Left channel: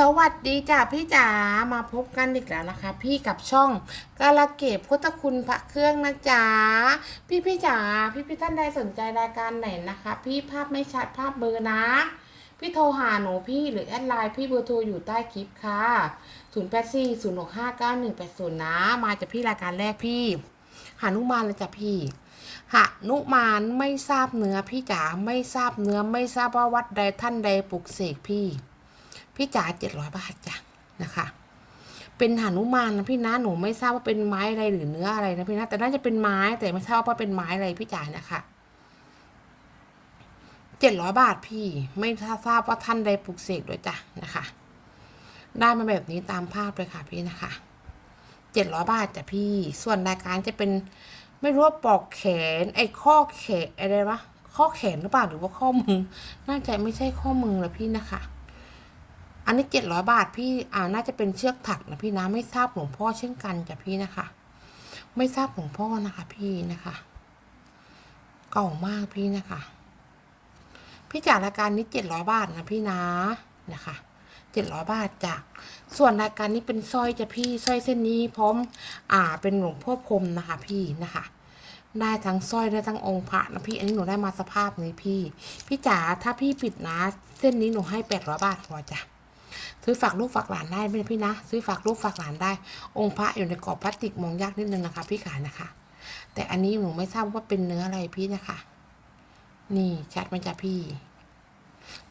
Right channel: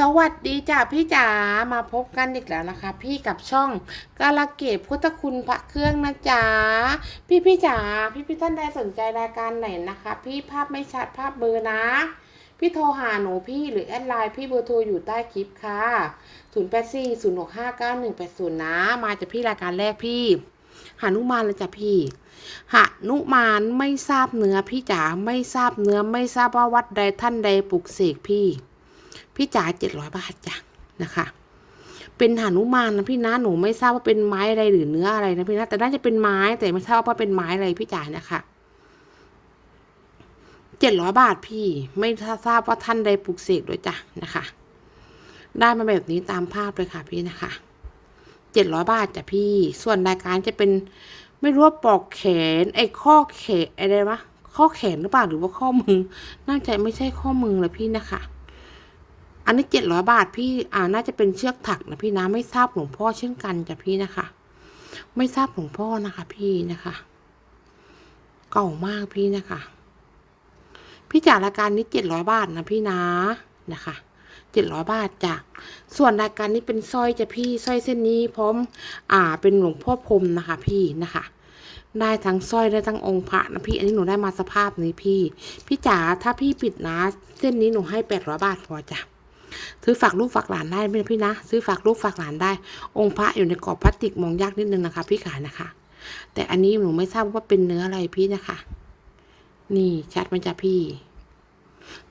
สวัสดีจ้ะพี่จ๋ามาพบกันอีกแล้วนะคะ พี่กับช่องกาลเกตพุทธคุณพระเครื่องนะจ๊ะพี่พี่จ๋าพี่พี่ท่านใดสนใจรายการไหนนะคะ พี่ภาพไม่ชัดภาพเบอร์นะ พี่โทรหาหนูพี่หรือแอดไลน์พี่เบอร์โทรอยู่ใต้คลิปค่ะ0 8 4 0 6 5 9 1 8 0นะ มาจากพี่รายการแรกพี่หานุมานเลยจ้ะพี่หานุมานไม่ทราบเนื้อพี่จ๋าไม่ทราบเนื้อไม่ทราบว่าวัดใดท่านใดปลุกเสกพี่ พี่จ๋าเจ็ดร้อยบาทจ้ะนะคะ เป็นหานุมานนะพี่นะหนูไม่ทราบว่าเป็นไม้อะไรหรือเนื้ออะไรนะพี่นะแต่น่าจะเป็นไม้แต่ไม่ทราบว่าเป็นไม้อะไรพี่จ๋านะคะเจ็ดร้อยบาทพี่ไม่ทราบว่าท่านใดปลูกเสกด้วยจ้ะนะคะ ได้มาแบบนี้ตามภาพเลยค่ะพี่นะคะเจ็ดร้อยบาทจ้ะพี่ ส่วนรายการจะเป็นไม่รู้ว่าปอกแขน ไอ้ข้อแขนอะไรวะข้อแขนหรือเปล่าหรือว่าข้อมือ น่าจะไม่ใช่ข้อมือเลยพี่นะคะ อันนี้เจ็ดร้อยบาทพี่อ่าน่าจะเป็นเชือกถักนะพี่นะไม่ทราบหลวงพ่อเช่นกันจ้ะพี่นะคะ ไม่ทราบหลวงพ่อนะคะพี่นะคะเก่ามากพี่นะคะ พี่จ่ายรายการนี้เจ็ดร้อยบาทนะพี่นะนะคะเจ็ดร้อยบาทจ้ะส่วนรายการนี้เป็นสร้อยจ้ะพี่สร้อยเส้นนี้พร้อม อ่า เป็นหลวงพ่อพรมนะคะพี่นะคะได้ทั้งสร้อยได้ทั้งองค์พระนะพี่ อันนี้หนูได้มาสภาพนี้พี่ พี่จ๋าถ้าพี่ปิดนะ เส้นนี้หนูให้แปดร้อยบาทพอจ้ะ ซื้อฝากลูกฝากหลานได้ไหมพี่นะ ซื้อฝากลูกฝากหลานได้ องค์พระอยู่ในกรอบพลาสติกมองยากนิดนึงนะคะ พี่ขายนะคะ แต่อันนี้หนูไม่ทราบว่าเป็นเนื้ออะไรพี่นะคะ นี่ชัดไหมจ๊ะพี่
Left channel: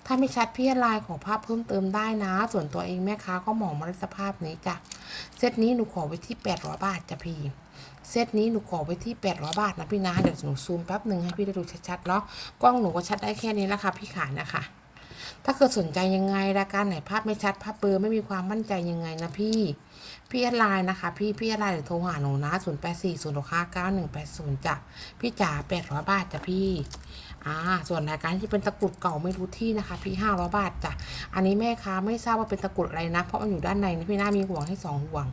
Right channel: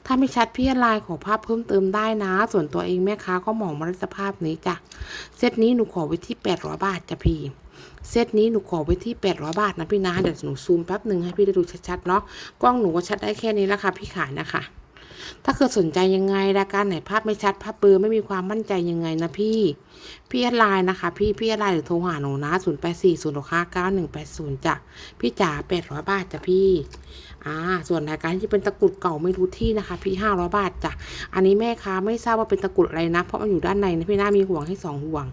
ถ้าไม่ชัดพี่ไลน์ขอภาพเพิ่มเติมได้นะ ส่วนตัวเองแม่ค้าก็มองมาในสภาพนี้จ้ะเซตนี้หนูขอไว้ที่แปดร้อยบาทจ้ะพี่เซตนี้หนูขอไว้ที่แปดร้อยบาทนะพี่นะเดี๋ยวหนูซูมแป๊บหนึ่งให้พี่ได้ดูชัดๆเนาะกล้องหนูก็ชัดได้แค่นี้แล้วค่ะพี่ขายนะคะ ถ้าเกิดสนใจยังไงรายการไหนภาพไม่ชัดภาพเบลอไม่มีความมั่นใจยังไงนะพี่ พี่แอดไลน์นะคะ พี่พี่แอดไลน์หรือโทรหาหนูนะ0 8 4 0 6 5 9 1 8 0จ้ะพี่จ๋า800บาทจ้ะพี่อ่าส่วนรายการที่เป็นตะกรุดเก่าไม่รู้ที่นะคะ พี่500บาทจ้ะอันนี้แม่ค้าไม่ทราบว่าเป็นตะกรุดอะไรนะ เพราะมันอยู่ด้านในนะพี่น่ามีห่วงให้สองห่วง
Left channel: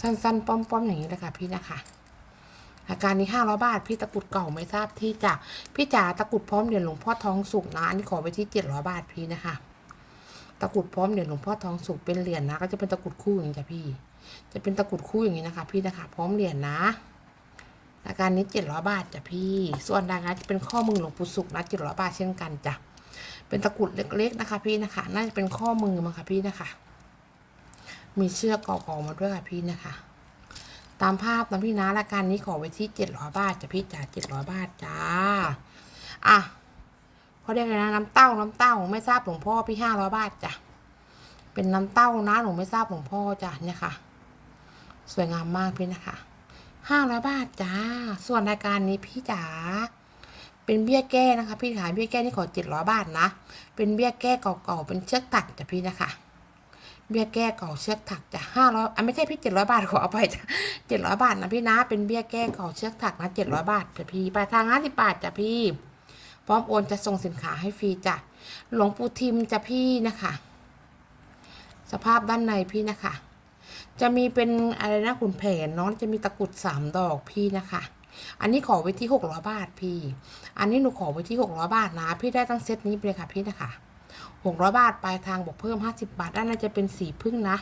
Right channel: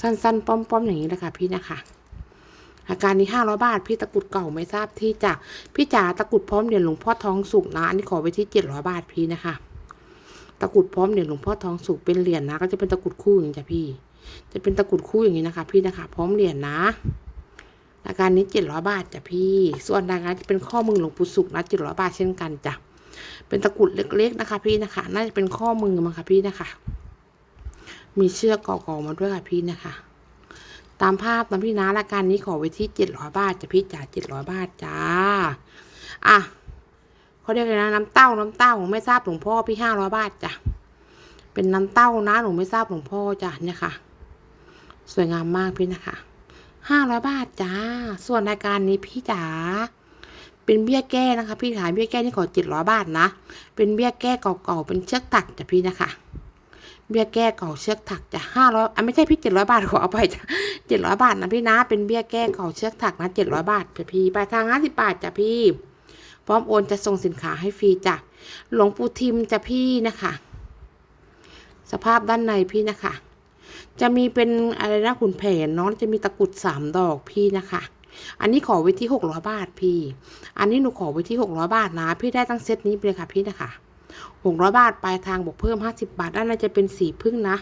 สั้นๆ ป้อมๆอย่างนี้เลยค่ะพี่นะคะ อาการนี้ห้าร้อยบาท พี่ตะกุดเก่าไม่ทราบที่จะพี่จ๋าตะกุดพร้อมเหรียญหลวงพ่อทองสุกนะ อันนี้ขอไปที่เจ็ดร้อยบาทพี่นะคะ ตะกุดพร้อมเหรียญหลวงพ่อทองสุกเป็นเหรียญนะ ก็จะเป็นตะกุดคู่อย่างนี้จ้ะพี่ จะเป็นตะกุดคู่อย่างนี้นะคะ พี่นะคะ พร้อมเหรียญนะ อาการนี้เจ็ดร้อยบาทจ้ะพี่ ส่วนรายการจะเป็นข้อมือหลวงปู่สุกนะเจ็ดร้อยบาทเช่นกันจ้ะ เป็นตะกุดเล็กๆนะคะ พี่นะคะ น่าจะเป็นข้อมือมั้งคะพี่นะคะ มีเชือกก่อๆมาด้วยค่ะพี่นะคะ ตามภาพนะพี่นะรายการนี้ขอไว้ที่เจ็ดร้อยบาทจ้ะพี่จ๋าเจ็ดร้อยบาทจ้า อะเขาเรียกอะไรนะน้ำเต้าน้ำเต้าไม่ทราบหลวงพ่อพี่ห้าร้อยบาทจ้ะเป็นน้ำเต้านะหนูไม่ทราบหลวงพ่อจ้ะเนี่ยค่ะ สวยงามมากพี่นะคะห้าร้อยบาทจ้า ส่วนรายการนี้พี่จ๋าเป็นเบี้ยแก้นะคะ พี่ขายเบี้ยแก้นี่ขอเจ็ดร้อยบาทนะ เป็นเบี้ยแก้เก่าๆเป็นเชือกตักจ้ะพี่นะคะ เบี้ยแก้เก่าเชือกถักจะห้าร้อยอะไม่ใช่พี่เจ็ดร้อยบาทขอเอาไปจ้ะเจ็ดร้อยบาทนะพี่นะ เป็นเบี้ยแก้เก่าเชือกถักนะเจ็ดร้อยบาทจ้ะพี่ปลายทางห้าสิบบาทจ้ะพี่ พร้อมโอนจะส่งสินค้าให้ฟรีจ้ะหลวงปู่ทิมจ้ะพี่นะคะ สภาพด้านในพี่นะคะ จะมีเป็นอะไรนะขุนแผนเนาะจะมีตะกรุดสามดอกพี่นะคะอันนี้ขอไว้ที่หกร้อยบาทพี่ อันนี้หนูขอไว้ที่หกร้อยบาทนะ พี่ได้ตั้งเซตนี้ไปเลยค่ะพี่นะคะ หกร้อยบาท ปลายทางบวกเพิ่มห้าสิบาทด้านในจะเป็นสีพึ่งนะ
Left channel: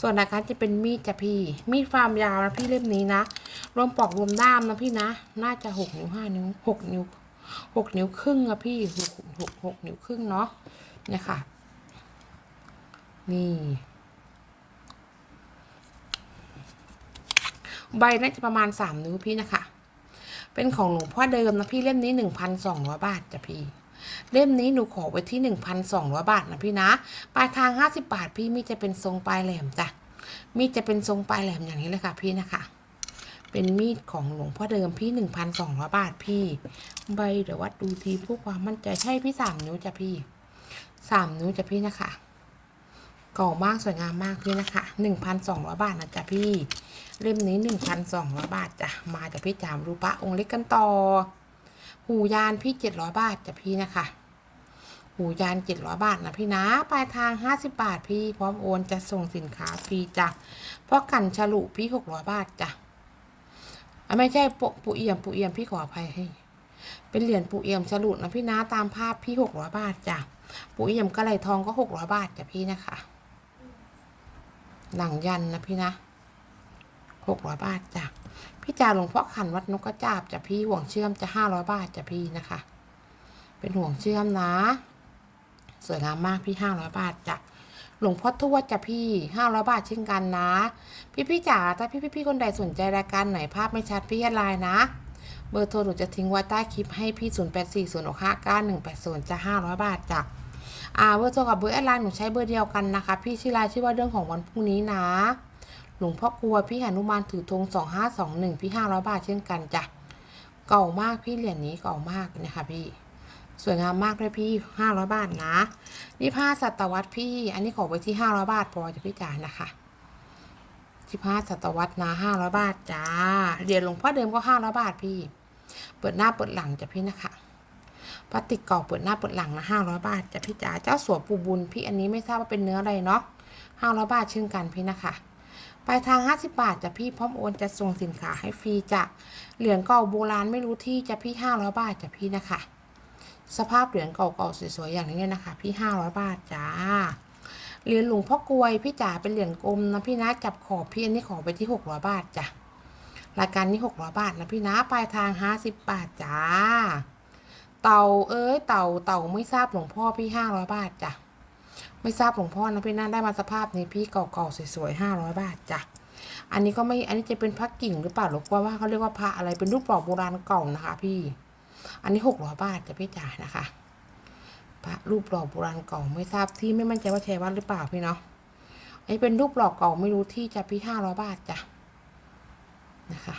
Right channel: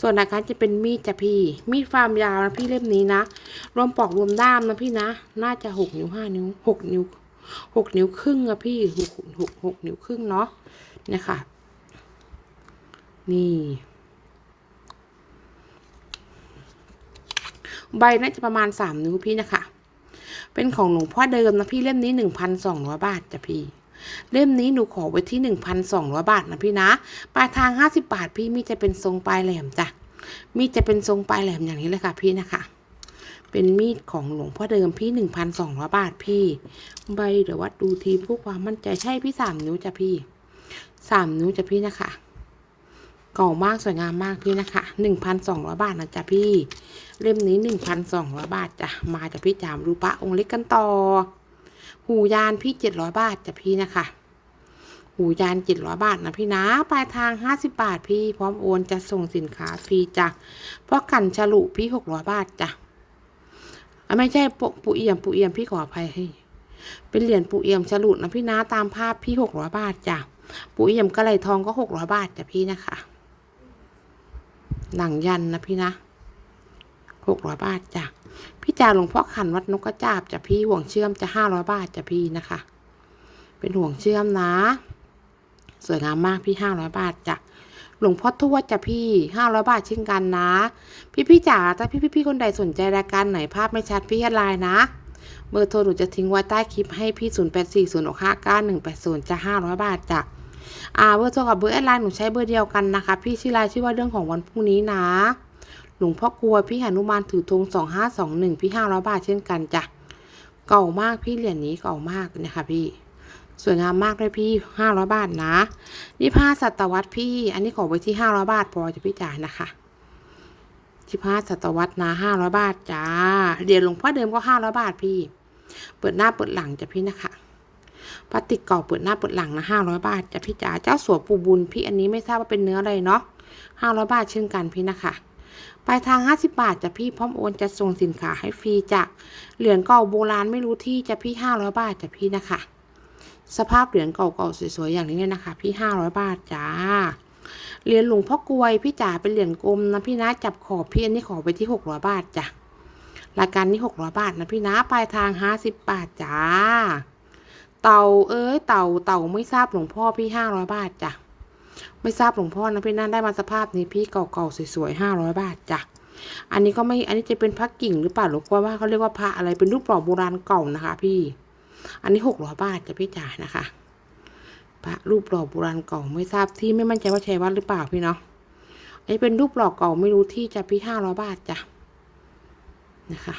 ส่วนราการจะเป็นมีดจ้ะพี่ มีดฟาร์มยาวนะพี่เล่มนี้นะ รวมปอกรวมด้ามนะพี่นะ น่าจะหกนิ้วห้านิ้วหกนิ้วหกนิ้วครึ่งอะพี่หกหกหกนิ้วครึ่งเนาะเนี่ยค่ะ นี่ใบน่าจะประมาณสามนิ้วพี่นะคะ เป็นของหลวงพ่อเดิมนะพี่เล่มนี้หนึ่งพันสองร้อยบาทจ้ะพี่ เล่มนี้หนูขอไว้ที่หนึ่งพันสองร้อยบาทนะพี่นะ ปลายทางห้าสิบาท พี่มีจะเป็นทรงปลายแหลมจ้ะ มีจะเป็นทรงปลายแหลมอย่างนี้เลยค่ะพี่นะคะ เป็นมีดของหลวงพ่อเดิมพี่หนึ่งพันสองร้อยบาทพี่ ใบเดี๋ยววัดดูทีพื่อความมั่นใจใช่พี่สามนิ้วจ้ะพี่สามนิ้วจ้ะพี่นะคะเก่ามากสวยงามมากพี่นะคะหนึ่งพันสองร้อยบาทนะจ๊ะพี่ เล่มนี้หนึ่งพันสองร้อยบาทจ้ะ มาจากพี่จามรูปะองค์เล็กกันต่อ หูยานพี่เจ็ดร้อยบาทจ้ะพี่นะคะ หูยานเจ็ดร้อยบาทนะพี่นะ ปลายทางห้าสิบาทพี่พร้อมโอนจะส่งสินค้าฟรีจ้ะเพราะกันฉลุพี่หกร้อยบาทจ้ะไม่ใช่ปกปูเอี่ยมปูเอี่ยมพี่ขออภัยให้ เป็นเหรียญปูเอี่ยมฉลุนะพี่นะตามภาพพี่หกร้อยบาทจ้ะปูเอี่ยมกระไหลทองก็หกร้อยบาทจ้ะพี่นะคะหนังยันนะพี่นะหกร้อยบาทจ้ะ พี่จ่าหลวงพ่อขันวัดนกกระจาบจะพี่ห่วงเชื่อมจะห้าร้อยบาทจะพี่นะคะ เป็นห่วงเชื่อมนะ สวยงามมากพี่ห้าร้อยบาทจ้ะหลวงพ่อทวดจ้ะพี่ห้าร้อยบาทเช่นกันนะ พี่พี่จ๋าถ้าพี่พี่ๆคนใดสนใจรายการไหนภาพไม่ชัดพี่แอดไลน์นะ เบอร์โทรหนูจะทิ้งไว้ใต้คลิปให้พี่0 8 4 0 6 5 9 1 8 0จะ500บาทจ้ะอ่าเบอร์โทรกับเบอร์แอดไลน์หนูใช้เบอร์เดียวกันนะคะ พี่ชื่อไลน์ชื่อว่าเรื่องของวันพรุ่งนี้นะ หลวงพ่อกลัวพี่หนุมานถือธง2521พี่500บาทเช่นกันจ้ะเก่ามากพี่เหรียญนี้เก่ามากนะคะพี่ สวยงามมากเลยพี่500บาทนะยี่ห้าศตวรรษพี่ อันนี้ขอไว้ที่500บาทพอจะพี่จ่ายนะคะสิบห้าศตวรรษนะห้าร้อยบาทจ้าเหรียญหลวงพ่อเดิมก็ห้าร้อยบาทพี่ เปิดหน้าเปิดหลังจ้ะพี่นะคะพลาสติกเก่าเปิดหน้าเปิดหลังนะห้าร้อยบาทจ้ะพี่จ๋าเจ้าสัวปูบุญพี่อันนี้ไม่ทราบว่าเป็นเนื้ออะไรเนาะห้าร้อยบาทเช่นกันพี่นะคะ ปลายทางห้าสิบาทจะพี่พร้อมโอนจะส่งสินค้าให้ฟรีจะเหรียญเก่าโบราณไม่รู้ที่จะพี่ห้าร้อยบาทจะพี่นะคะ สภาพเหรียญเก่าๆสวยๆอย่างนี้นะคะ พี่ห้าร้อยบาทจ้าเหรียญหลวงพ่อกลวยพี่จ๋าเป็นเหรียญกลมนะพี่นะจับขอบพี่อันนี้ขอไปที่หกร้อยบาทจ้ะรายการนี้หกร้อยบาทนะพี่นะปลายทางห้าสิบบาทจ้าเต่าเอ้ยเต่าเต่าไม่ทราบหลวงพ่อพี่ห้าร้อยบาทจ้ะ ไม่ทราบหลวงพ่อนะพี่นะได้มาสภาพนี้พี่เก่าๆสวยๆห้าร้อยบาทจ้ะอันนี้ก็ไม่อันนี้จะเป็นพระกิ่งหรือเปล่าหรือว่าเขาเรียกว่าพระอะไรเป็นรูปหล่อโบราณเก่านะคะ พี่ อันนี้หกร้อยบาทจะพี่จ๋านะคะพระรูปหล่อโบราณเก่าไม่ทราบที่ไม่มั่นใจว่าใชัยวัดหรือเปล่าพี่เนาะอันนี้เป็นรูปหล่อเก่าไม่รู้ที่จะพี่ห้าร้อยบาทจ้ะนะคะ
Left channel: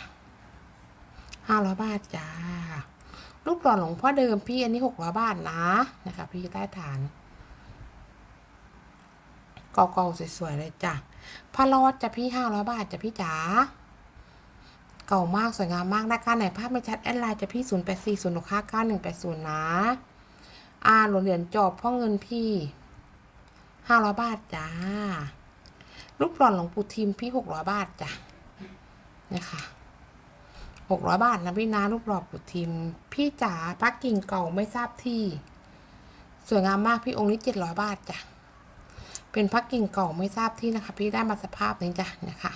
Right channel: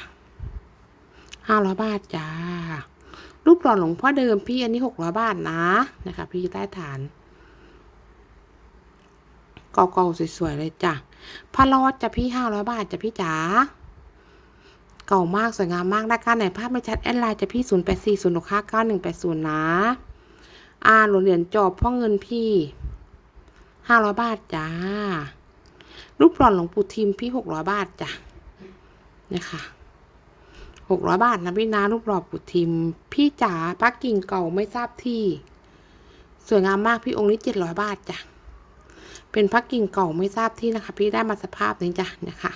ห้าร้อยบาทจ้ารูปหล่อหลวงพ่อเดิมพี่อันนี้หกร้อยบาทนะนะคะ พี่ใต้ฐาน เก่าๆสวยๆเลยจ้ะพระรอดจะพี่ห้าร้อยบาทจะพี่จ๋าเก่ามากสวยงามมากรายการไหนภาพไม่ชัดแอดไลน์จะพี่ศูนย์แปดสี่ศูนย์หกห้าเก้าหนึ่งแปดศูนย์นะอ่าหลวงเหรียญจอบพ่อเงินพี่ห้าร้อยบาทจ้ารูปหล่อนหลวงปู่ทิมพี่หกร้อยบาทจ้ะเนี่ยค่ะหกร้อยบาทนะพี่นะรูปหล่อปู่ทิม พี่จ๋าพักกิ่งเก่าไม่ทราบที่ สวยงามมากพี่องค์นี้เจ็ดร้อยบาทจ้ะ เป็นพักกิ่งเก่าไม่ทราบที่นะคะ พี่ได้มาสภาพนี้จ้ะนะคะ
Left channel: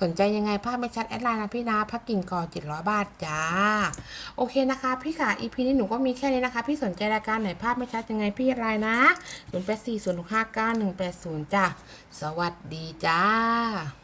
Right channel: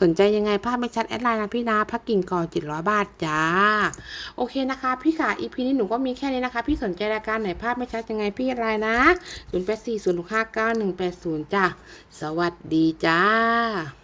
สนใจยังไงภาพไม่ชัดแอดไลน์นะพี่นะพักกิ่งก่อเจ็ดร้อยบาทจ้า โอเคนะคะ พี่ค่ะ EP นี้หนูก็มีแค่นี้นะคะ พี่สนใจรายการไหนภาพไม่ชัดยังไงพี่อะไรนะศูนย์แปดสี่ศูนย์หกห้าเก้าหนึ่งแปดศูนย์จ้าสวัสดีจ้า